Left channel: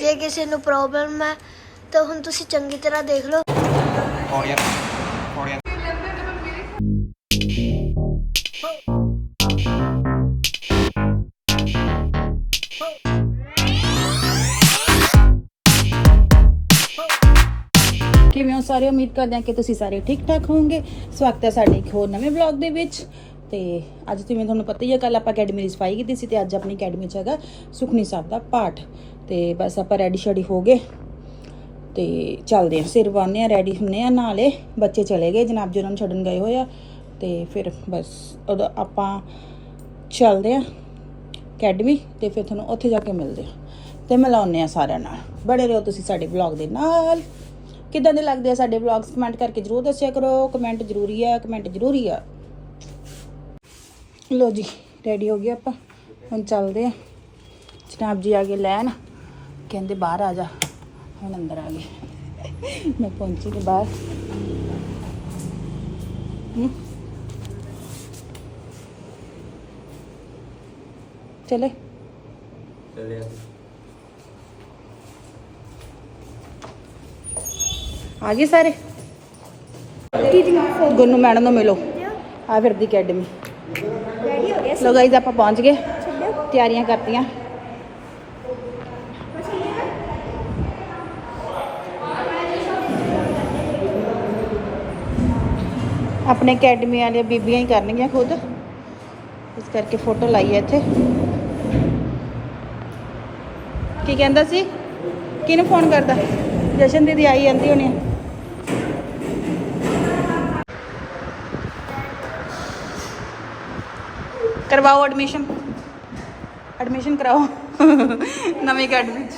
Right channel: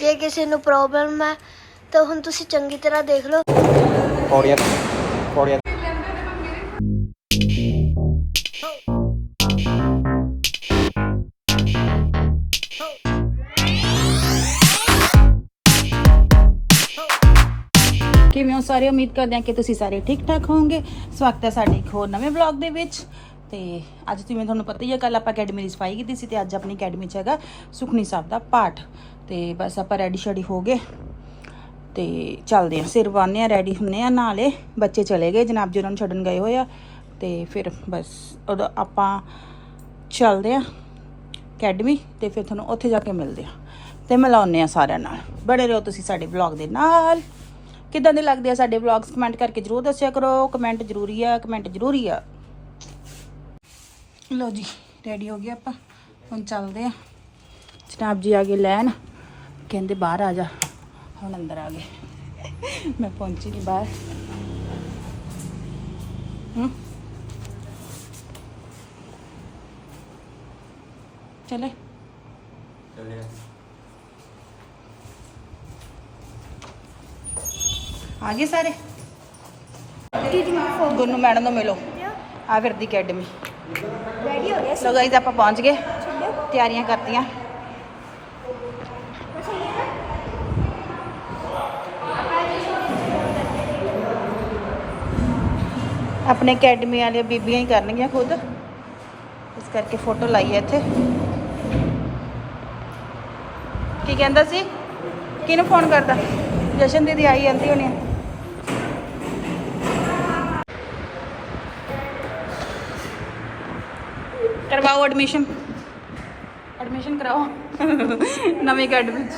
ਜੇ ਕਿਸੇ ਨੂੰ ਪ੍ਰੋਬਲਮ ਹੈ ਤਾਂ ਹੁਣ ਤੁਸੀਂ ਚੰਗੀ ਤਰ੍ਹਾਂ ਦੇਖ ਲਓ। ਪੌੜੀਆਂ ਪੌੜੀਆਂ। ਕਿਵੇਂ ਹੋ? ਸਾਰੇ ਉਮੀਦ ਕਰਦੇ ਹਾਂ ਕਿ ਤੁਸੀਂ ਸਾਰੇ ਠੀਕ ਠਾਕ ਹੋਵੋਗੇ। ਸਵਾਗਤ ਹੈ ਸਾਡੇ ਇੱਕ ਹੋਰ ਨਵੇਂ ਵਲੌਗ ਦੇ ਵਿੱਚ। ਤੇ ਅੱਜ ਜਿਵੇਂ ਤੁਹਾਨੂੰ ਪਤਾ ਹੀ ਹੈ ਕੱਲ ਆਪਾਂ ਅਕੈਡਮੀ ਦੀ ਸਫ਼ਾਈ ਕੀਤੀ ਸੀ ਤੇ ਅੱਜ ਆਪਣੀ ਅਕੈਡਮੀ 'ਚ ਹੈਗਾ ਸੁਖਨੀ ਸਾਹਿਬ ਦਾ ਪਾਠ। ਤੇ ਬਸ ਆਪਾਂ ਰੈਡੀ ਸ਼ੈਡੀ ਹੋ ਗਏ। ਤੇ ਚੱਲਦੇ ਆ, ਸਿਰ ਬੰਨ੍ਹਦੇ ਆ ਰੈਡੀ ਹੁੰਨੇ ਆ, ਨਾਲੇ ਬੱਚੇ ਚਲੇ ਗਏ, ਜਨਾਬ ਜੀ ਉਹਨਾਂ ਨੂੰ ਛੱਡਣ ਗਏ ਹੋਏ ਆ। ਤੇ ਫਿਰ ਬਸ ਉਦੋਂ ਆਪਾਂ ਚੱਲਦੇ ਆ ਅਕੈਡਮੀ ਤੇ ਫਿਰ ਤੁਹਾਨੂੰ ਉੱਥੇ ਜਾ ਕੇ ਮਿਲਦੇ ਆ। ਤੇ ਮਿਲਾਉਂਦੇ ਆ ਸਾਰਿਆਂ ਨਾਲ। ਬੜੇ ਰਹੋ ਤੁਸੀਂ ਸਾਡੇ ਵਲੌਗ ਦੇ ਨਾਲ। ਕਿਦਾਂ ਦੇ ਲੱਗਦੇ ਆ ਸਾਡੇ ਵਲੌਗਸ ਕਮੈਂਟ ਕਰਕੇ ਜਰੂਰ ਦੱਸਿਆ ਕਰੋ। ਕਮੈਂਟ ਜ਼ਰੂਰੀ ਆ ਕਮੈਂਟ ਜ਼ਰੂਰੀ ਆ। ਲੋ ਜੀ ਰੈਡੀ ਹੋ ਗਏ ਆਪਾਂ। ਹੁਣ ਚੱਲਦੇ ਆ ਜਨਾਬ ਜੀ ਆ ਗਏ ਲੈਣ। ਕਹਿੰਦੇ ਬਾਹਰ ਆ ਜਾ। ਹੁਣ ਅੰਦਰ ਆ ਗਏ। ਮੈਂ ਪਹੁੰਚੀ ਤੇ ਬਾਹਰ। ਚਲੇ। ਆ। ਗਏ ਸਾਰੇ? ਗੁੰਨੂ ਮੈਡਮ ਨੂੰ ਮਿਲੋ। ਆ ਫਿਰਦੀ ਅਕੈਡਮੀ। ਰੈਡੀ ਹੋ ਗਏ ਲੋ ਗਾਈਜ਼ ਆਪਾਂ ਪਹੁੰਚ ਗਏ। ਤਿਆਰੀਆਂ ਕਰਤੀਆਂ। ਆਪਣੇ ਅਕੈਡਮੀ ਵਾਲੀਆਂ ਬੀਬੀਆਂ ਹੀ ਕਰਨਗੀਆਂ ਖੁਦ। ਇਸ ਕਰਕੇ ਫੋਟੋ ਲਾਈ ਹੈ ਇੱਥੇ। ਕੀ ਕਹਿੰਦਾ ਸੀ? ਕਿਹਨੂੰ ਫੋਨ ਕਰਦਾ? ਜਸ਼ਨ ਦੀਦੀ ਆਈ ਜਾਂਦੀ ਹੋਣੀ ਕਰਵਾਓ ਐਡਮਿਸ਼ਨ ਐਡਮਿਸ਼ਨ ਕਰਾਓ। ਨਵੀਂ ਅਕੈਡਮੀ ਚ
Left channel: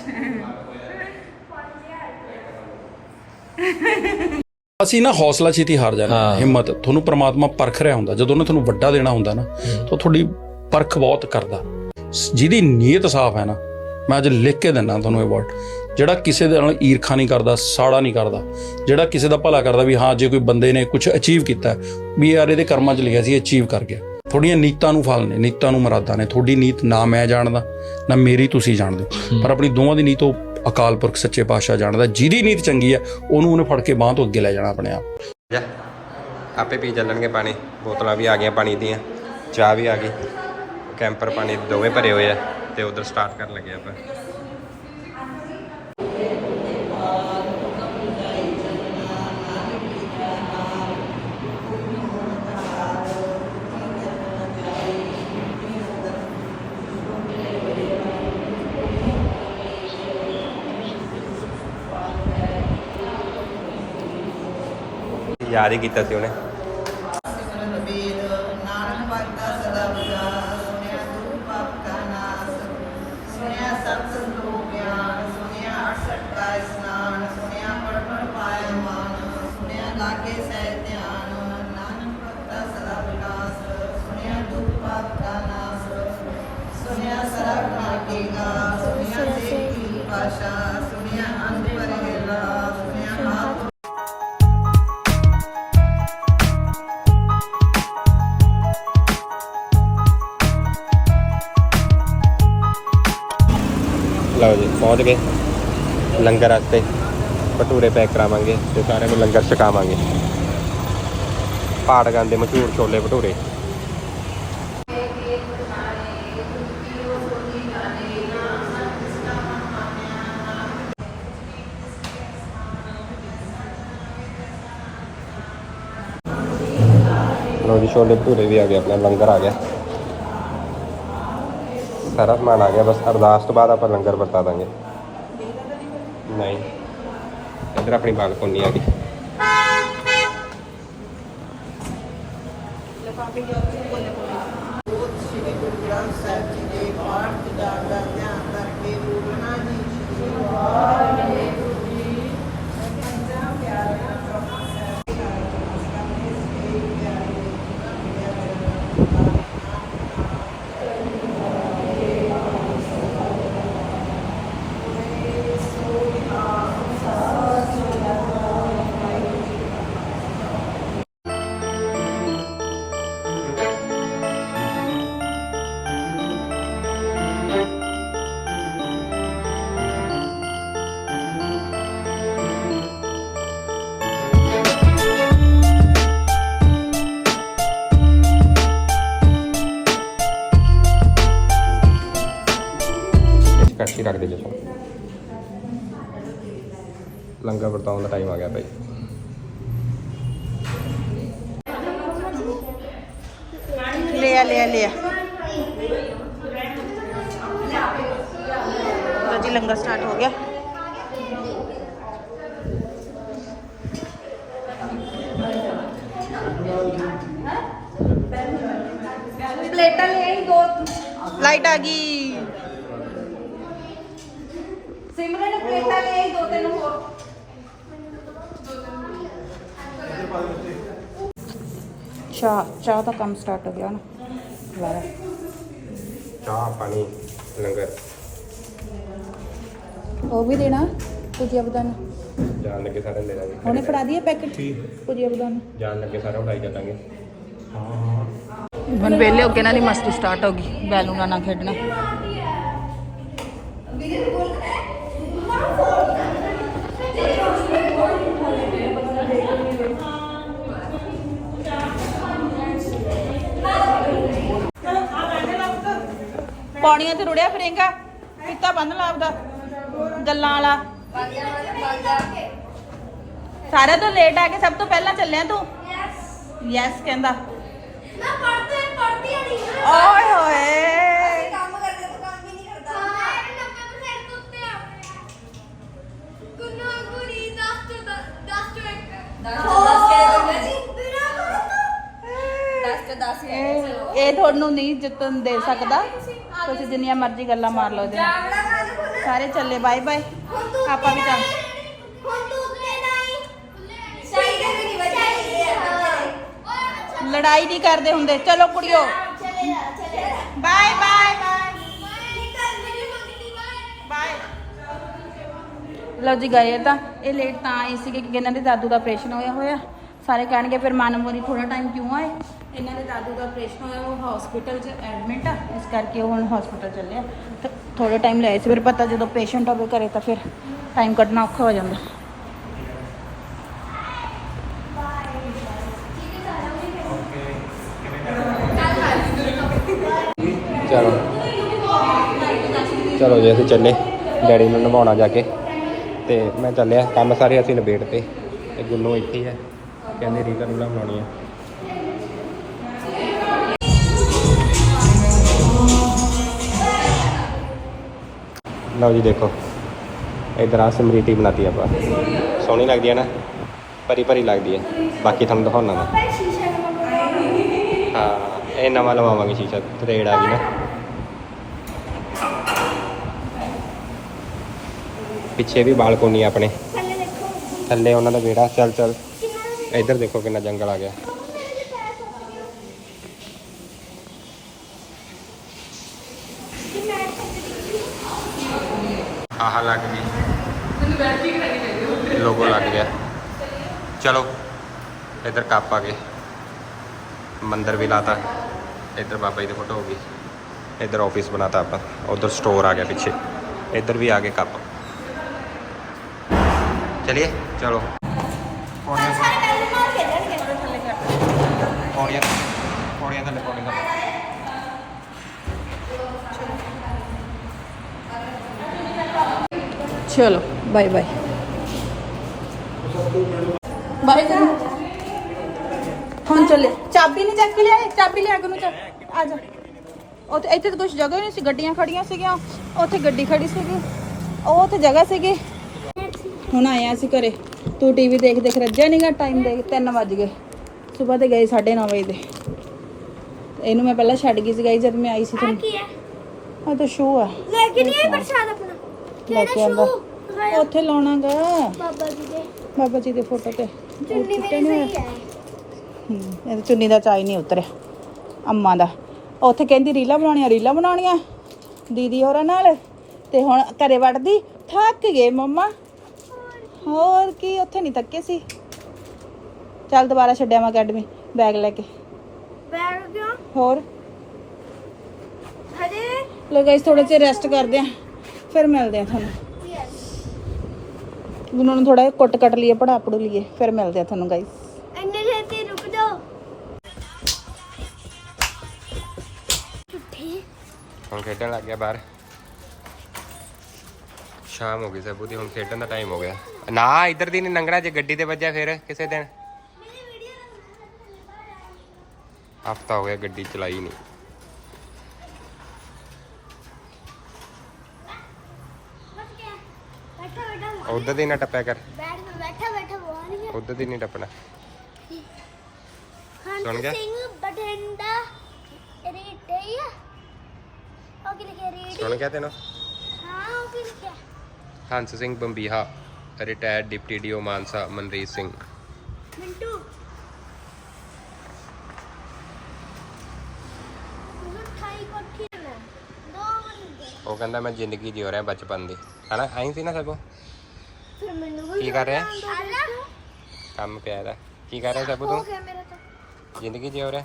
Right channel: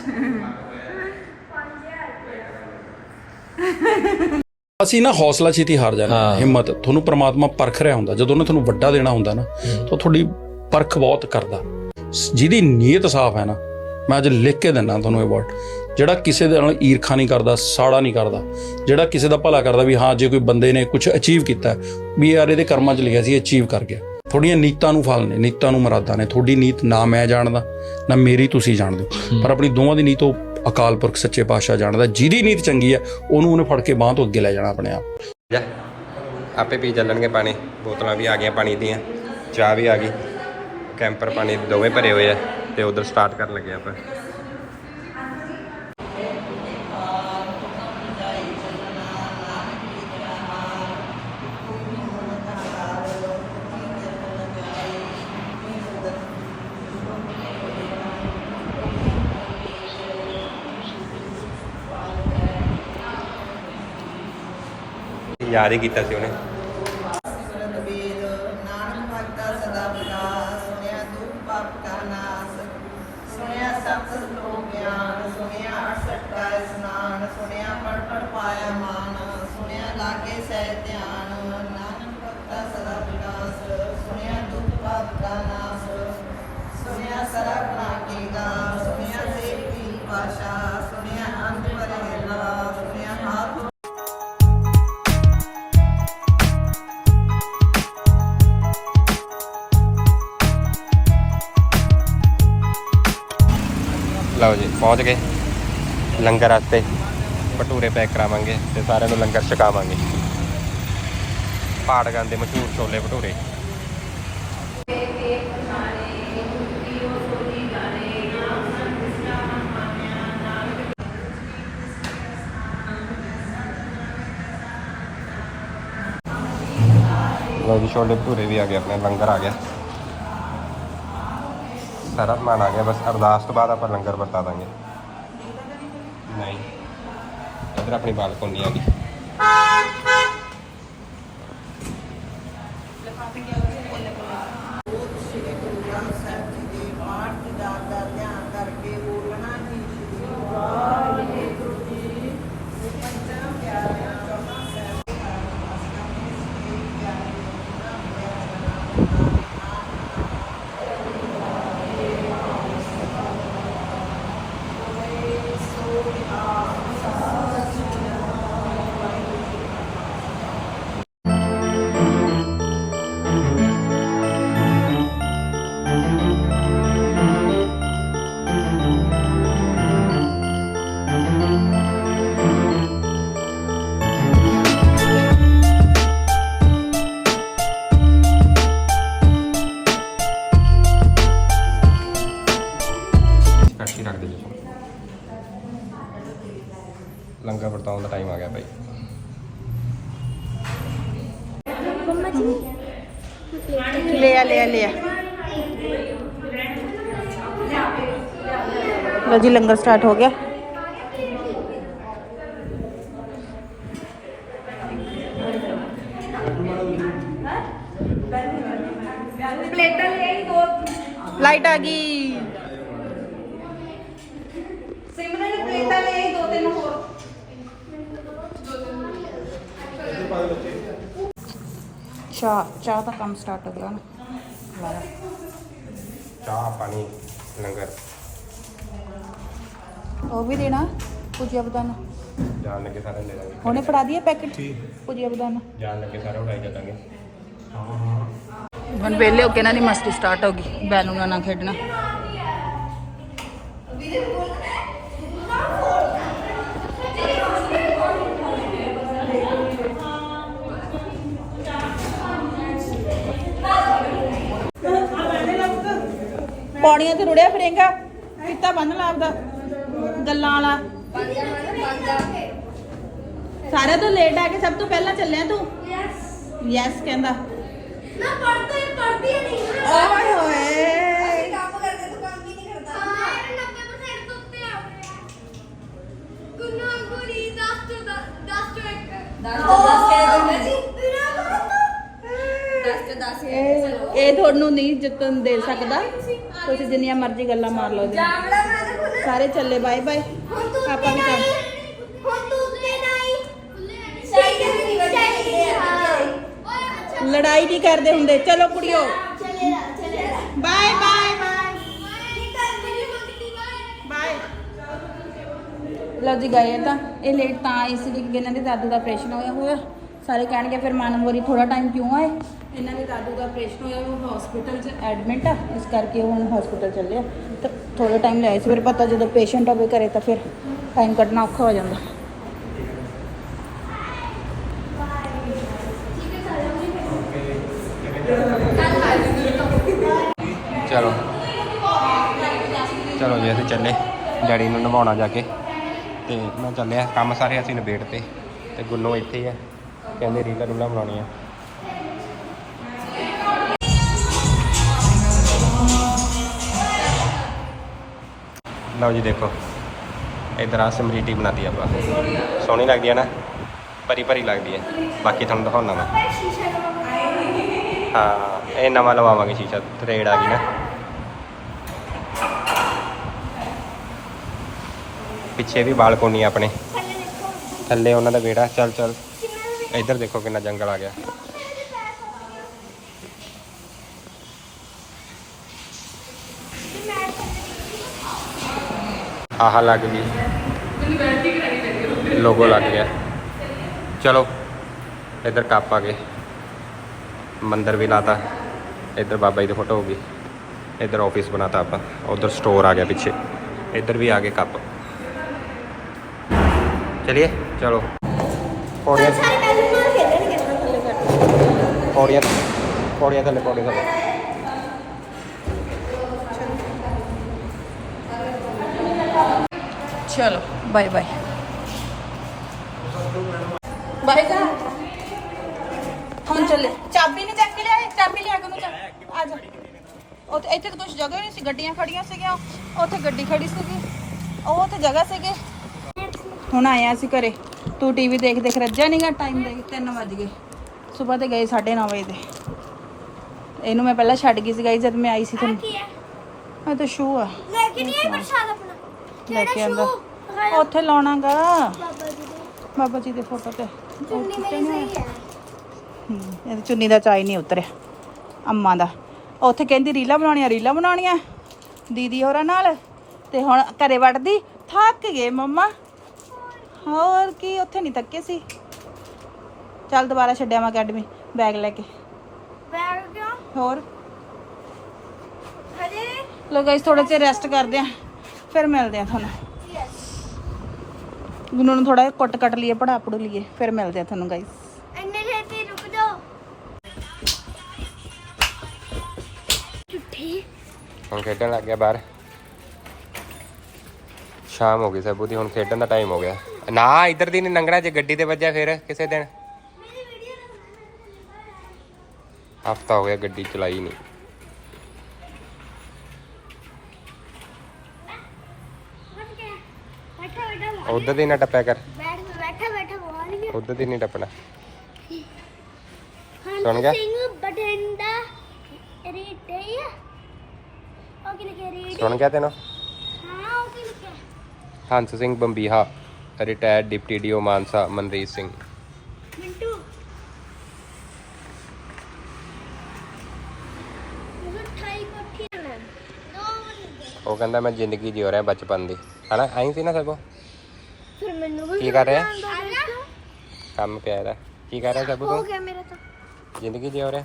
ਅਸੀਂ ਨਾ ਹੌਸਲਾ ਛੇਤੀ ਹਾਰ ਜਾਂਦੇ ਹਾਂ। ਹਿੰਮਤ। ਤੁਹਾਨੂੰ ਪ੍ਰਮਾਤਮਾ ਪਰਖ ਰਿਹਾ ਹੁੰਦਾ। ਜਦੋਂ ਉਹਨੇ ਤੁਹਾਨੂੰ ਵੱਡਾ ਦੇਣਾ ਹੁੰਦਾ ਨਾ ਤਾਂ ਤੁਹਾਡੀ ਪਰਖ ਬਹੁਤ ਕਰਦਾ। ਜਿਹਦੀ ਨੀਅਤ ਸਾਫ਼ ਹੈ ਨਾ ਮੈਂ ਅੱਜ ਲਿਖ ਕੇ ਦਿੰਦਾ ਤੁਹਾਨੂੰ ਇਹ ਵਰਡ ਜਿਹੜਾ ਕਿਸੇ ਦੇ ਨਾਲ ਈਰਖਾ ਨਹੀਂ ਕਰਦਾ ਸਾੜਾ ਨਹੀਂ ਕਰਦਾ ਜਿਹੜਾ ਕਿਸੇ ਦਾ ਭਲਾ ਕਰਦਾ ਵੀ ਹਾਂ ਜੇ ਕੋਈ ਬੰਦੇ ਨੇ ਕੁਝ ਅਚੀਵ ਕੀਤਾ ਵੀ ਯਾਰ ਇਹਦੇ ਕਰਮਾਂ 'ਚ ਲਿਖਿਆ ਸੀ ਅਚੀਵ ਕਰ ਗਿਆ। ਤੁਹਾਡੀਆਂ ਨੀਤਾਂ ਨੂੰ ਫਲ ਨੇ ਨੀਤਾਂ ਨੂੰ ਮਰਾਦਾਂ ਨੇ। ਤੁਹਾਡੀ ਨੀਤ ਨਾ ਮੈਂ ਜਾਣਦਾ ਨਾ ਮੇਰੀ ਤੁਸੀਂ ਜਾਣਦੇ ਹੋ। ਪਰ ਆਪਣੀ ਦੋਵਾਂ ਦੀ ਨੀਤ ਉਹ ਅਕਾਲ ਪੁਰਖ ਸੱਚੇ ਪਾਤਸ਼ਾਹ ਜਾਣਦਾ। ਜਿਹਦੀ ਨੀਤ ਚੰਗੀ ਹੈ ਉਹਨੂੰ ਉਹਨੇ ਫੜ ਕੇ ਬਾਂਹ ਤੋਂ ਅੱਗੇ ਲੈ ਜਾਣਾ ਆਪਣੇ ਆਪ। ਜਾ ਆਪੇ ਪੀ ਚੱਲਣਗੇ ਪਾਣੀ। ਬੋਤਲਾਂ ਵੀ ਆ ਗਈਆਂ ਪਾਣੀ ਦੀਆਂ ਚਾਹ ਵੀ ਆ ਗਈ। ਕੈਂਪਰ ਪਾਣੀ ਦੋਵੇਂ ਭਰੇ ਹੋਏ ਆ ਤੇ ਉਧਰ ਸਟਾਰਟ ਕਰਨ ਲੱਗੇ ਆਪਾਂ। ਯਾਦ ਹੀ ਕੀਤਾ ਸੀ ਉਹਨੇ ਲਓ ਜੀ ਪਹੁੰਚ ਗਏ। ਲੰਗਰ ਵਾਸਤੇ ਭਟੂਰੇ ਪੈਕ ਕਰਾਵਾਂਗੇ ਤੇ ਸਾਰਿਆਂ ਨੂੰ ਲੰਗਰ ਛਕਾਵਾਂਗੇ। ਪਾੜਗਾਂ ਦੇ ਮਸ਼ਹੂਰ ਛੋਲੇ ਭਟੂਰੇ। ਲਓ ਜੀ, ਛੋਲੇ ਭਟੂਰੇ ਵੀ ਆ ਗਏ, ਆਪਣਾ ਲੰਗਰ ਆ ਗਿਆ। ਸਾਰਾ ਸਮਾਨ ਆ ਗਿਆ ਬਸ ਅਰਦਾਸ ਤੋਂ ਬਾਅਦ ਆਪਾਂ ਲੰਗਰ ਵਰਤਾ ਦਾਂਗੇ। ਨਹੀਂ। ਇਧਰ ਆਪਣੀ ਬਾਲਕੋਨੀ ਆ ਗਈ। ਲੰਗਰ ਵਰਤਾਉਣ ਦਾ ਟਾਈਮ ਆ ਗਿਆ ਭਾਈ ਲਿਆ ਲਿਆ ਲਿਆ ਲੋ ਜੀ ਲੰਗਰ ਸਟਾਰਟ ਹੋ ਗਿਆ ਪਲੇਟਾਂ ਲੈ ਆਈ ਦੋ ਲਾਈਟ ਆ ਗਈ ਸਿਮਰਨ ਨੇ ਪਲੇਟਾਂ ਲੈ ਆਈ ਦੋ ਤਿੰਨ ਹੋਰ ਚਾਹ ਚਾਹ ਦਾ ਕੰਮ ਸਟਾਰਟ ਹੋ ਗਿਆ ਨਾ ਵਾਹ ਚਾਹ ਪਾਣੀ ਲੰਗਰ ਉਹ ਵੀ ਦੇਣਾ ਪੁਜੀਆ ਬਦਾਨਾ ਜਾਣ ਲੱਗੇ ਸਾਰੇ ਲੈ ਲਾਂਗੇ ਉਹਨੇ ਫੜਾ ਦਈਏ ਪੈਕਟ ਪੁਜੀਆ ਬਦਾਨਾ ਜਾਣ ਲੱਗੇ ਸਾਰੇ ਉਡਾਈ ਚੱਲਾਂਗੇ ਹੁਣ ਵੇਲੇ ਹੋ ਕੇ ਇਹਨਾਂ ਦੀ ਮਸਤੀ ਸਟਾਰਟ ਹੋ ਗਈ ਬੈਲੂਨਾਂ ਨਾਲ ਖੇਡਣਾ ਪੌੜੀਆਂ ਤੇ ਰੁੜਿਆ ਫਿਰੇਗਾ ਫੀਤਾ ਬੰਨ ਲਾ ਆਪਦਾ ਗੱਲਾਂ ਵਾਲਾ। ਸਾਰਾ ਤੋਂ ਲੇਟ ਆ ਕੇ ਸਭ ਤੋਂ ਪਹਿਲਾਂ ਚੱਲਿਆ ਤੂੰ? ਯੈਸ ਕਹਿੰਦਾ। ਨਾ ਪੜਦੇ ਪੜਦੀ ਨਹੀਂ। ਓਏ ਹੋਏ ਕੰਮ ਕਰਦੇ ਤੂੰ ਕੰਮ ਵੀ ਨਹੀਂ ਕਰਦਾ ਹਾਂ 90% ਤੋਂ ਉੱਤੇ ਆ ਗੁੰਨਾ ਗੁਰੀ 10 ਤੋਂ 10 ਤੋਂ 1 10 ਤੋਂ 10 ਕਹਿ ਦਿੰਦਾ ਜੀ 10 ਤੋਂ 10 ਇਹ ਇਹ ਤੁਹਾਨੂੰ ਨਹੀਂ ਜਿੱਤਣ ਦੇ ਸਕਦਾ। ਤੁਸੀਂ ਜਿੰਨੀਆਂ ਮਰਜ਼ੀ ਗੱਲਾਂ ਮਾਰ ਲਓ ਜੀ। ਜਾਮੜਾ ਮੈਂ ਤਾਂ ਖੁੱਲੇ ਸਾਰੇ ਚੱਲੇ, ਬਾਏ ਬਾਏ। ਹੁਣ ਤੂੰ ਆਪਾਂ ਵੀ ਕੰਮ ਹੁਣ ਤੂੰ ਉੱਤੇ ਨਹੀਂ ਚਾਹੀਦੇ ਨਹੀਂ ਚਾਹੀਦੇ ਹਾਂ ਲੜਾਈ ਨਹੀਂ ਕਰਦੇ ਹੁੰਦੇ। ਚਲੋ ਕੁੜੀਓ। ਚਲੇ ਚਲੇ ਬਾਏ ਬਾਏ ਨਿਕਲ ਮੇਰੀ ਮੰਗਤੀ ਬਾਏ। ਬਾਏ ਲਓ ਜੀ, ਗਏ ਤਾਂ। ਇਹ ਲੇਟ ਤਾਂ ਆਈ ਸੀ ਕਿ ਇਹਨਾਂ ਦੇ ਦਾਦੂ ਦਾ ਆਪਰੇਸ਼ਨ ਹੋਇਆ ਹੋਇਆ। ਸਾਰੇ ਕਹਿਣਗੇ, ਫਿਰ ਮਾਨਵਰੀ ਥੋੜਾ ਟਾਈਮ ਕਿਉਂ ਆਏ? ਇਹਨਾਂ ਦੇ ਦਾਦੂ ਦਾ ਆਪਰੇਸ਼ਨ ਹੋਇਆ, ਉਹ ਹਸਪੀਟਲ 'ਚ ਐਡਮਿਟ ਆ, ਇਸ ਕਰਕੇ ਉਹ ਹੁਣ ਹਸਪੀਟਲ ਚੱਲੇ ਆ। ਤਾਂ ਥੋੜਾ ਟਾਈਮ ਲਿਆਏ ਸੀ, ਫਿਰ ਪਤਾ ਜਦੋਂ ਪੇਸ਼ੈਂਟ ਹੋਵੇ ਘਰੇ ਤਾਂ ਫਿਰ ਟਾਈਮ ਕੱਢਣਾ ਔਖਾ ਹੋ ਜਾਂਦਾ। ਚਲੋ। ਚਲੋ ਜੀ, ਅਸੀਂ ਚੱਲੇ। ਡੈਡੀ ਨੂੰ ਨਵਾਉਣਾ ਜਾ ਕੇ। ਤੇ ਮੈਂ ਚੱਲਿਆ, ਕੰਮ ਸਾਰੇ ਅਸੀਂ ਨਿਬੇੜ ਤੇ ਤੇ ਗੁੰਨੂ ਇੱਥੇ ਹੀ ਹੈ ਕਹਿੰਦੇ ਰੀਤਾ ਨੂੰ ਬਣਾਉਣੀ ਹੈ ਲਓ ਜੀ ਦੇਖੋ ਇਧਰ ਆ ਸਮਰੀਟੀ ਬਣਾਤੀ ਆਪਾਂ। ਸੋਹਣੀ ਲੱਗਦੀ ਹੈ ਨਾ ਪਰੀ ਪਰੀ ਲੱਗਦੀ ਹੈ ਬਾਕੀ ਤੁਹਾਨੂੰ ਦਿਖਾਉਣਾ ਮੈਂ। ਹਾਂ ਇਹ ਨਵਾਂ ਲਵਾਵਾਂਗੇ ਸ਼ੀਸ਼ਾ ਥਰੇਡ ਆ ਗਈ ਨਾ। ਪਿੱਛੇ ਵੀ ਬਾਲਕੋਨੀ ਆਪਣੇ। ਥੱਲੇ ਉਹਨਾਂ ਦਾ ਵਿਹੜਾ ਚੱਲ ਚੱਲ। ਇੱਧਰ ਦੇਖੋ ਕਿੰਨਾ ਜੰਗਲ ਆ ਗਿਆ। ਆਹ ਲੱਗ ਗਈ। ਲੋਗੋ ਲੱਗ ਗਿਆ। ਚਲੋ, ਇੱਧਰ ਕੱਪ ਆ ਗਏ। ਮੰਦਰ ਵੀ ਲਾਤਾ। ਇੱਧਰ ਬਾਬਾ ਜੀ ਦੀ ਫੋਟੋ ਹੋ ਗਈ। ਇੱਧਰ ਆਫਿਸ ਬਣਾਤਾ ਆਪਾਂ। ਉਧਰ ਸਟੋਰ ਆ ਗਿਆ ਪਿੱਛੇ। ਇੱਧਰ ਵੀ ਆ ਗਏ ਕੱਪ। ਚਲਿਏ, ਚਲੋ। ਪੌੜੀਆਂ ਸਾਰੇ ਕੱਲ ਨਾਲ ਖੇਡਣਗੇ ਪੌੜੀਆਂ ਪੌੜੀਆਂ ਥੱਲੇ ਪੌੜੀਆਂ ਥੱਲੇ ਚਲੋ ਬਾਏ ਬਾਏ ਬਾਏ ਜਾ ਹੁਣ ਚੱਲੇ ਚਾਬੀ ਨਹੀਂ ਚੱਕ ਕੇ ਲਿਆਏ ਚਾਬੀ ਲਿਆ ਕੇ ਨੂੰ ਚੱਕ ਆ ਜਾ ਉੱਥੇ ਇੱਥੇ ਤਾਂ ਕੁਝ ਜਗ੍ਹਾ ਹੀ ਨਹੀਂ ਸੀ ਗੱਡੀਆਂ ਖੜੀਆਂ ਸੀਗੀਆਂ ਉੱਥੇ ਗੱਡੀ ਖੜੀ ਸੀਗੀ ਉਹ ਉੱਥੇ ਜਗ੍ਹਾ ਸੀਗੀ ਹੁਣ ਆਇਆ ਸੀ ਘਰੇ ਤੂੰ ਟੀਵੀ ਦੇਖ ਦੇਖ ਰੱਜਿਆ ਨਹੀਂਗਾ ਟਾਈਮ ਦੇਖ 3 ਵਜ ਗਏ ਸਵੇਰ ਦੇ ਗਏ 9:30 ਵਜੇ ਦੇ। ਤੇ ਇਹਨੂੰ ਮੈਂ ਪਹਿਲਾਂ ਛੱਡ ਗਈ ਸੀ ਗਈ ਜਦ ਮੈਂ ਆਈ ਸੀ ਤੁਹਾਨੂੰ। ਇਹ ਤਾਂ ਸ਼ੂ ਆ। ਲੈ ਕੇ ਨਹੀਂ ਪ੍ਰਸ਼ਾਦ ਆਪਣਾ? ਲੈ ਕੇ ਆਂਦਾ। ਉੱਥੇ ਲਾਉਣਾਗਾ। ਬਾਬਾ ਜੀ ਦੇ। ਬਾਬਾ ਜੀ ਦੇ ਫੋਟੋ ਤੇ। ਉਹ ਟੁੱਟਿਆ ਨਹੀਂ ਹੋਇਆ ਹੂੰ। ਇਹ ਤਾਂ ਚੁੰਨੀ ਦਾ ਚਾਈ ਨਹੀਂ ਉਤਰਿਆ। ਅੰਮਾ ਦਾ। ਉੱਥੇ ਕਹਿੰਦੀ ਰੀਲਾ ਬਣਾਉਣੀਆਂ ਰੀਲਾ ਬਣਾਉਣੀਆਂ। ਦੀਦੀ ਹੋਰਾਂ ਨਾਲ। ਤੇ ਹੁਣ ਘਰੇ ਵੜਦੀ ਥੱਕ ਗਏ ਮੰਮਾ। ਹੋਰ ਕੀ ਉੱਥੇ ਨਹੀਂ ਥੱਕੇ ਸੀ। ਚੱਲ ਦੁਬਾਰਾ ਛੱਡਿਆ ਮੈਂ ਅਕੈਡਮੀ ਬੈਗ ਲੈ ਕੇ। ਬੈਗ ਕਿਉਂ? ਹੋਰ? ਹਜੇ ਲੋ ਗਾਇਸ ਥੋੜਾ ਜਿਹਾ ਰੈਸਟ ਕਰਦੇ ਆ ਫਿਰ ਮਿਲਦੇ ਆ ਤੁਹਾਨੂੰ। ਉਹਨਾਂ ਨੂੰ ਥੋੜਾ ਕੁੱਟ ਕੱਟ ਲਈਏ ਪੜਾ ਪੜੂ ਲਈਏ ਫਿਰ ਮਿਲਦੇ ਆ ਤੁਹਾਨੂੰ ਗਾਇਸ ਇੰਨੇ ਛੇਤੀ ਰੁਕ ਜਾਓ। ਝੁੱਠੀ। ਹੁਣ ਖੇਡਣ ਲੱਗ ਗਿਆ ਬਾਹਰ। ਸ਼ਾਮ ਹੋ ਗਈ ਸਭੂ ਦੀ ਹੁਣ ਖੇਡਣ ਦਾ ਟਾਈਮ ਹੋ ਗਿਆ। ਨਾ ਇੱਧਰ ਦੀ ਨਹੀਂ ਲੰਘਣਾ ਜੇ ਗੱਡੀ ਤੇ ਵੱਜਿਆ ਫਿਰ ਕਿਸੇ ਦਿਨ ਮੇਰੀ ਵੀਡੀਓ ਹਫਤਾ ਹੋ ਗਿਆ ਗੱਡੀ ਚਲਾਈ ਨਹੀਂ ਬੈਠ ਕੇ ਉਧਰ ਦੀ ਨਾ ਟੱਪਿਆ ਕਰ। ਬੈਠਾ ਬੈਠਾ ਬੋਲ ਉਧਰ ਦੀ ਨਹੀਂ ਟੱਪਣਾ। ਸੁਣ ਗਿਆ? ਸਿੰਘ ਬਟਿੰਡਾ ਰੀਟੇ ਉਹ ਕੀ ਲਿਖਿਆ ਰੀਟ ਸੁਣ ਗਿਆ ਤੈਨੂੰ? ਹਾਂ ਉਹ ਕੀ ਲਿਖਿਆ Hans Singh Bambiha, retired deputy DO Mansa, Manreet Singh. Mintu ਉਹ ਠਾਈ ਕੋਠੀ ਨੇ ਦੋ ਬੰਦੇ ਉਹ ਕਹਿੰਦਾ ਮੈਂ ਜ਼ਿੰਦਗੀ ਜਿਉ ਰਿਹਾ ਬਚਪਨ ਦੀ। ਹਨਾ? ਆਈ ਸੀ ਨਾ ਸਭੋ? ਫਿਰ ਮੈਨੂੰ ਵੀ ਕੀ ਕਰ ਰਿਹਾ? ਕੰਮ ਪਿਆ ਇਹਦਾ। ਕੀ ਕਰ ਰਿਹਾ ਸਭੂ ਹੋ ਤੂੰ ਗਿਆ ਮੇਰੇ ਤੋਂ। ਜ਼ਿੰਦਗੀ ਜਿਉ ਰਿਹਾ?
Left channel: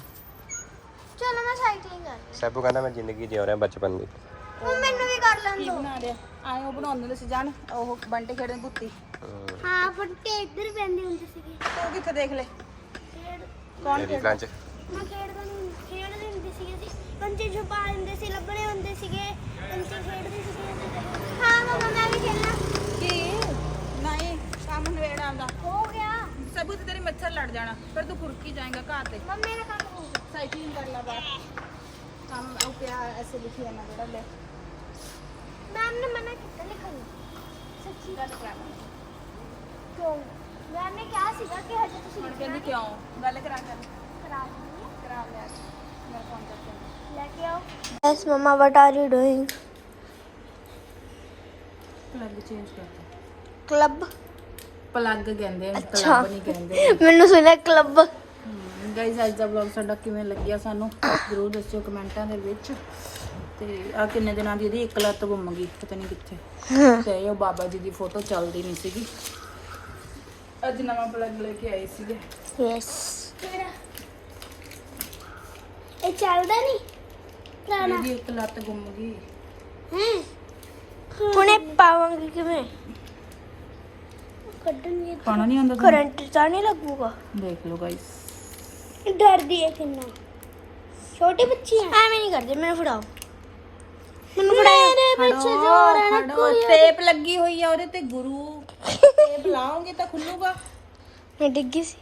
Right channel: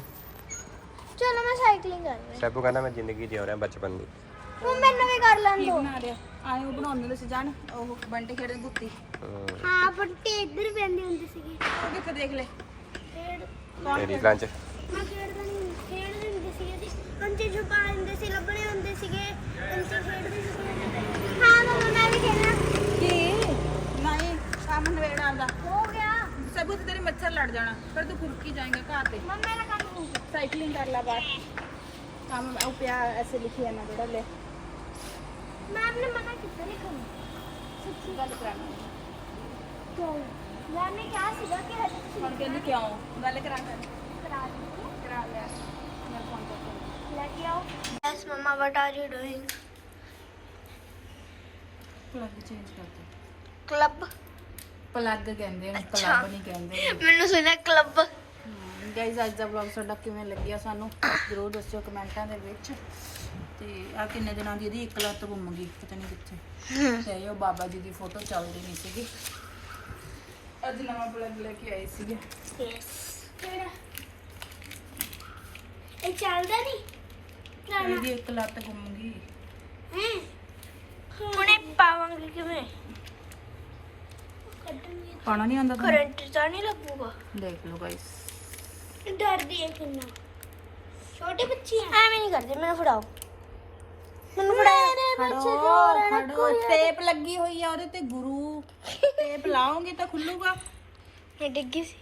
ਚਲੋ ਮੈਂ ਸਾਈਕਲਿੰਗ ਕਰ ਰਹੀ ਸਭੂ ਕਹਿੰਦਾ ਮੈਂ ਜ਼ਿੰਦਗੀ ਜਿਉ ਰਿਹਾ ਬਚਪਨ ਦੀ। ਹੁਣ ਮੈਨੂੰ ਵੀ ਕਰ ਲੈਣ ਕੀ ਦੋ ਬਣਾ ਰਿਹਾ? ਆਏ ਉਹ ਬਣਾਉਂਦੇ ਹੁੰਦੇ ਸੀ ਜਾਣ ਉਹ ਬੰਟੇ ਖੇਡਦੇ ਦੁੱਤੀ ਹਮ, ਹਾਂ। ਫੱਟੇ ਇੱਧਰ ਪੈਂਦੇ ਹੁੰਦੇ ਸੀਗੇ। ਉਹ ਕਿੱਥੇ ਦੇਖ ਲੈ। ਖੇਡ ਤੇਰੀ ਲੰਚ ਮੈਂ ਖੇਡਦੇ ਨਹੀਂ ਖੇਡਦੇ ਹੁੰਦੇ ਸੀਗੇ ਜੀ ਕੰਚੇ ਛੁਪਾ ਲੈਂਦੇ ਸੀ ਲੱਭਣੇ ਹੁੰਦੇ ਸੀਗੇ ਕੰਚੇ ਖੇਡਦੇ ਸੀਗੇ ਹਾਂ ਮਮਾ ਮੈਂ ਵੀ ਖੇਡਣਾ ਕੀ ਨਹੀਂ ਕੰਮ ਨਵੇੜ ਆਉਂਦਾ ਹੋ ਗਿਆ ਸਭੂ ਤੇ ਤੇਰੇ ਮੱਛਰ ਲੜ ਜਾਣਾ ਫਿਰ ਤੂੰ ਫੁਰਕੀ ਜਾਏਗਾ ਘਰ ਤੇ। ਮੰਮੀ ਦਾ ਕੰਮ ਹੋ ਗਿਆ। ਸਾਈਕਲਿੰਗ ਕਰ ਲਾ ਬਾਹਰ। ਕੰਮ ਉਹ ਪਿਆ ਐਸੇ ਲਿਖਿਆ ਨਾ ਬੜਾ ਲੈ ਮੈਮ ਨੇ ਮਨਾ ਕੀਤਾ ਲਿਖਣ ਸੱਚੀ ਗੱਲ ਕਰਾਣਾ ਕਿਉਂ? ਮੈਮ ਨੇ ਕਿਹਾ ਸੀਗਾ ਕਿ ਹਜੇ ਤੁਸੀਂ ਹੁਣ ਕਹਿੰਦੀ ਕਿਉਂ? ਗੱਲ ਕਰਾ ਕਰ ਕਰਾ ਦਿਓ। ਕਰਾ ਲਿਆ। ਮੈਂ ਫੋਨ ਕਰਕੇ ਲੈ ਕੇ ਆਓ। Yes mama what are you doing plug change ਕਰਤਾ। ਕਲੱਬ ਪਲੱਗ ਕਹਿੰਦੇ ਨੇ ਅੱਛਾ। ਪਲੱਗ ਨਹੀਂ ਕਹਿੰਦੇ। ਮੈਨੂੰ ਸੁਣਿਆ ਕਲੱਬ। ਗਾਇਜ਼ ਅੱਜ ਦਾ ਵਲੌਗ ਸਾਡਾ ਕਿਵੇਂ ਲੱਗਿਆ ਸਾਨੂੰ ਜ਼ਰੂਰ ਦੱਸਿਓ ਕਮੈਂਟਾਂ ਦੇ ਵਿੱਚ। ਤੇ ਆ ਕਿੰਨੇ ਦਿਨਾਂ ਦੀ ਇਹਦੀ ਇੱਕ ਲੱਤ ਗੁੰਮ ਗਈ ਪਤਾ ਨਹੀਂ ਕਿੱਥੇ। ਤੇ ਉਹ ਬਾਬਾ ਜੀ ਦੀ ਫੋਟੋ ਚੱਲਦੀ ਨਹੀਂ ਸੀਗੀ। ਅੱਜ ਨਵਾਂ ਪਲੱਗ ਲੈ ਕੇ ਆਏ ਸੀਗੇ। ਯੈਸ ਇਹ ਚੱਲਦਾ ਨਹੀਂ? ਇਹਦੀ ਇੱਕ ਲੱਤ ਗੁੰਮ ਗਈ। ਹੈ। ਹੁਣੇ ਪਾਵਾਂਗੇ ਕਿਵੇਂ? ਕੱਢਣੀ ਪਾਣਾ ਨਹੀਂ ਆਉਂਦਾ ਤੁਹਾਨੂੰ? ਕਰੰਟ ਤਾਂ ਨਹੀਂ ਲੱਗੂਗਾ। ਦੇਖ ਲਓ ਗਾਇਸ ਡਰਦੀ ਹੈ ਕਿੰਨਾ। ਛੋਟੀ ਬੱਚੀ ਹੈ ਐਵੇਂ ਨਹੀਂ ਕਰਦੇ ਮੈਨੂੰ ਫੜਾਓ। ਮੈਨੂੰ ਫੜਾਓ। ਮੇਰੇ ਪਿੱਛੇ ਜੋਰ ਹੈ ਨਾ ਖੜੋ ਟੇਪ ਲੱਗੀ ਹੋਈ ਆ ਉਹਦੇ ਤੇ ਗੁਰੂ। ਟੇਪ ਲਾਓਗੇ ਤਾਂ ਖੁੱਲੂਗਾ। ਮੈਂ ਡਿੱਗੀ ਸੀ।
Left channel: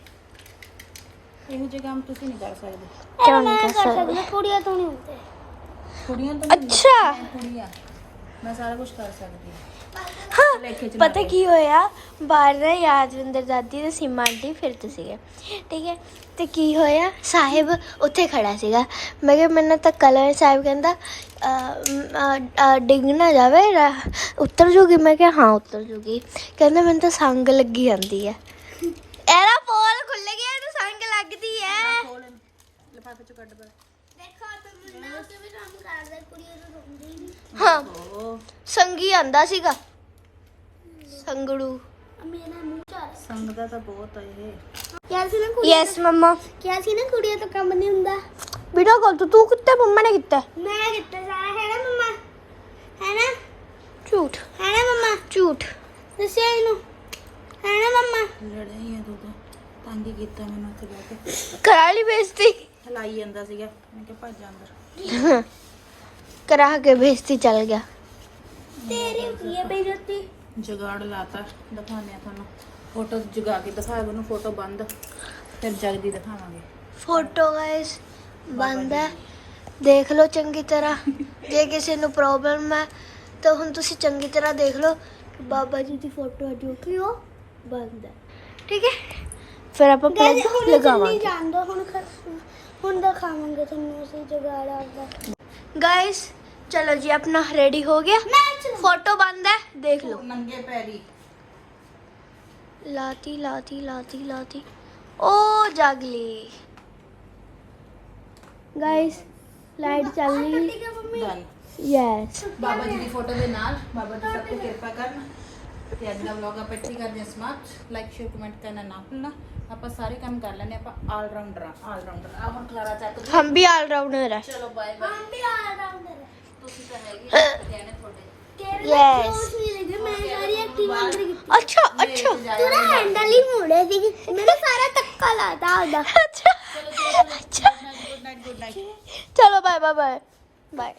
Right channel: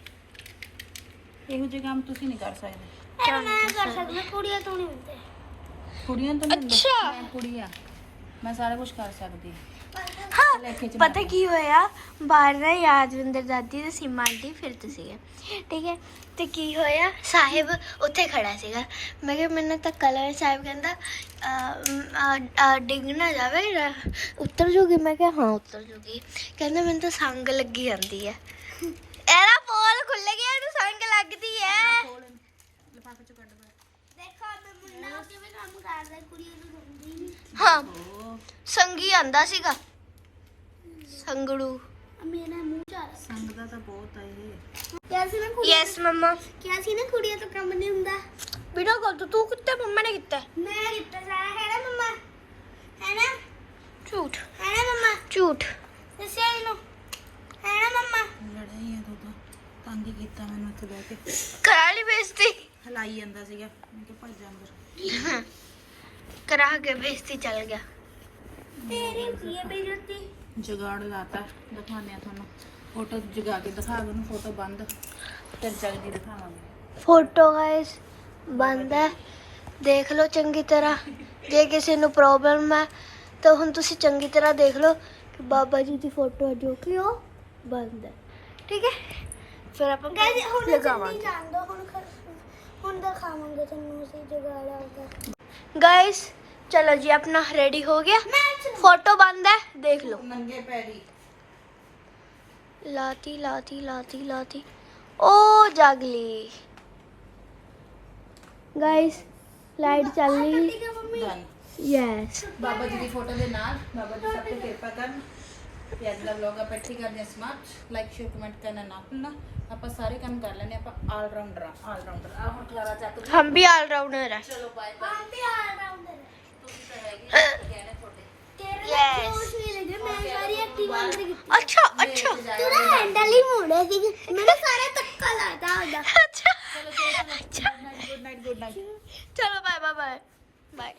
ਇਹੋ ਜਿਹੇ ਕੰਮ ਤੁਸੀਂ ਨਹੀਂ ਕਰ ਸਕਦੇ। ਕਿਉਂ ਨਹੀਂ ਕਰ ਸਕਦੀ। ਕੁੜੀਆਂ ਤੋਂ ਨਹੀਂ ਹੁੰਦੇ। ਕੁੜੀਆਂ ਤੋਂ ਨਹੀਂ ਅੱਛਾ। ਮੈਂ ਕੁੜੀਆਂ। ਮੈਂ ਸਾਰਾ ਕੁਝ ਕਰ ਸਕਦੀ ਹਾਂ। ਹਾਂ ਲੇਖੇ ਚ ਪਤਾ ਕੀ ਹੋਇਆ? ਬਾਹਰ ਦਾ ਯਾਦਵਿੰਦਰ ਦਾਦੀ ਤੇ ਸੀਮਾ ਆਂਟੀ ਫਿਰਦੇ ਸੀਗੇ। ਠੀਕ ਹੈ? ਤੇ ਕੀ ਹੋਇਆ? ਸਾਹਿਬ ਉੱਥੇ ਖੜਾ ਸੀਗਾ। ਮੈਂ ਕਿਹਾ ਮੈਨੂੰ ਤਾਂ ਕਲਰ ਸਾਹਿਬ ਕਹਿੰਦਾ ਡਿੱਗ ਨਾ ਜਾਵੇ ਉੱਤਰ ਜੂਗੀ? ਮੈਂ ਕਿਹਾ ਹਾਂ ਉੱਤਰ ਜੂਗੀ। ਕਹਿੰਦਾ ਮੈਨੂੰ ਤਾਂ ਸੰਗ ਲੱਗੀ ਜਾਂਦੀ ਹੈ। ਇਹਦਾ ਪੋਰ ਖੁੱਲ ਗਿਆ ਇਹਨੂੰ ਸੰਗ ਲੱਗਦੀ ਹੈ। ਲਿਫਾਫੇ ਚ ਕੱਢ ਦੇ ਹਾਂ। ਸੰਗੀ ਆਂਦਾ ਸੀਗਾ। ਸੰਗੜੂ। ਮੇਰਾ ਮੂੰਹ ਚਾਰ ਸੰਗ ਦਾ ਤਾਂ ਬਹੁਤ ਆ ਇਹ। ਕਿਹਾ ਸੀ ਨਾ ਕੁੜੀਆਂ ਯੈਸ ਮਮਾ। ਕਿਹਾ ਸੀ ਨਾ ਕੁੜੀਆਂ ਤੋਂ ਕੰਮ ਨਹੀਂ ਹੁੰਦਾ। ਵੀਡੀਓ ਕਾਲ ਤੂੰ ਤੂੰ ਕਿੱਥੇ ਮੰਮਾ ਨੇ ਕੀਤਾ? ਮੈਂ ਦਿੱਤਾ ਸਾਰਾ ਹੈ ਨਾ ਮੰਮਾ? ਹੈ ਨਾ? ਝੂਠ। ਹੈ ਨਾ ਮੰਮਾ? ਝੂਠ। ਦੱਸਿਆ ਇਹਨੂੰ। ਹੈ ਨਾ ਮੰਮਾ? ਲੜਿਆ ਹੀ ਆ ਤੂੰ ਤਾਂ। ਤੰਗ ਹੀ ਕੀਤਾ ਮੈਨੂੰ ਉੱਥੇ ਬਹਿ ਕੇ। ਕਰਾ ਲਈ ਬੇਇੱਜ਼ਤੀ। ਹਲਾਈ ਜਾਂਦਾ ਸੀਗਾ ਮੈਂ ਕਿਹਾ ਭੱਜ ਜਾ ਅੰਦਰ। ਕਰਾ ਕੇ ਬੇਇੱਜ਼ਤੀ ਚੱਲ ਗਿਆ। ਤੇਰੀ ਕੀ ਹੈ ਬੇਇੱਜ਼ਤੀ? ਜਗਾੜ ਲਾਤਾ ਦਿਖਾਉਂਦੇ ਆ ਤੁਹਾਨੂੰ। ਫੋਟੋ ਜਗਾ ਕੇ ਦਿਖਾ ਉਹਨੂੰ ਫੋਟੋ ਬੰਦ। ਫਿਰ ਜਗਦੀ ਦਿਖਾਵਾਂਗੇ। ਫੋਟੋ ਗਾਇਸ ਬੰਦ ਹੈ। ਦੇਖ ਲਓ ਚੰਗੀ ਤਰ੍ਹਾਂ। ਜੇ ਕਿਸੇ ਨੂੰ ਪ੍ਰੋਬਲਮ ਹੈ ਤਾਂ ਹੁਣ ਤੁਸੀਂ ਚੰਗੀ ਤਰ੍ਹਾਂ ਦੇਖ ਲਓ ਕਿ ਬਾਬਾ ਜੀ ਦੀ ਫੋਟੋ ਹੈ ਜੋ ਕਿ ਉਹ ਬੰਦ ਹੈ। ਠੀਕ ਹੈ? ਫਿਰ ਆਪਾਂ ਪਲੱਗ ਲਗਾਵਾਂਗੇ। ਜਾਣ ਦੋ ਹੁਣ ਖ- ਹੁਣ ਦਿਖਾਵਾਂਗੇ ਤੁਹਾਨੂੰ ਅਸੀਂ ਜਗਾੜ ਆਉਂਦਾ ਗਾਇਸ ਚਲੋ ਜੀ ਆਪਣਾ ਰੈਡੀ ਹੋ ਗਿਆ ਫੋਟੋ ਬੰਦ ਹੈ ਦੇਖ ਲਓ ਨੰਗੇ ਪੈਰੀ ਲਾਤੀ ਲਾਤੀ ਲਾਤੀ ਲਾਤੀ ਉਹ ਜਾਗਲੀ ਗਾਇਸ ਲਾਈਟ ਚੱਲ ਰਹੀ ਡਨ ਯੈਸ ਬਾਬਾ ਜੀ ਦੀ ਫੋਟੋ ਦੇ ਨਾਲ ਬਾਬਾ ਜੀ ਸਭ ਤੋਂ ਕਿਰਪਾ ਕਰਨ ਤੇ ਅੱਜ ਦਾ ਵਲੌਗ ਆਪਾਂ ਇੱਥੇ ਕਰਦੇ ਹਾਂ ਸਮਾਪਤ ਲਾਈਕ ਆਪਾਂ ਸਾਰੇ ਕੰਮ ਕਰ ਲੈਨੇ ਆਪਾਂ ਆਲ ਰਾਉਂਡਰ ਆ ਆਲ ਰਾਉਂਡਰ ਆ ਹੁਣ ਖਲਾਰਾ ਚੱਕ ਦੋ ਹਮ ਵੀ ਆਲ ਰਾਉਂਡਰ ਆ ਚਲੋ ਬਾਏ ਬਾਏ ਹਮ ਵੀ ਆਲ ਰਾਉਂਡਰ ਆ ਤੁਸੀਂ ਤਾਂ ਹੈਗੇ ਗਏ ਨੇ ਤੁਹਾਡੇ। ਅੱਛਾ ਅੱਛਾ। ਤੇਰਾ ਹੈਂਡਲ ਹੀ ਮੋੜਿਆ ਸੀ ਮੈਨੂੰ ਸਾਰਾ ਤੱਕਾ ਲਾਤਾ ਉਹਦਾ। ਅੱਛਾ। ਚਲੋ ਗੁੱਡ ਨਾਈਟ ਗੁੱਡ ਨਾਈਟ ਚਲੋ ਬਾਏ ਬਾਏ ਬਾਏ ਬਾਏ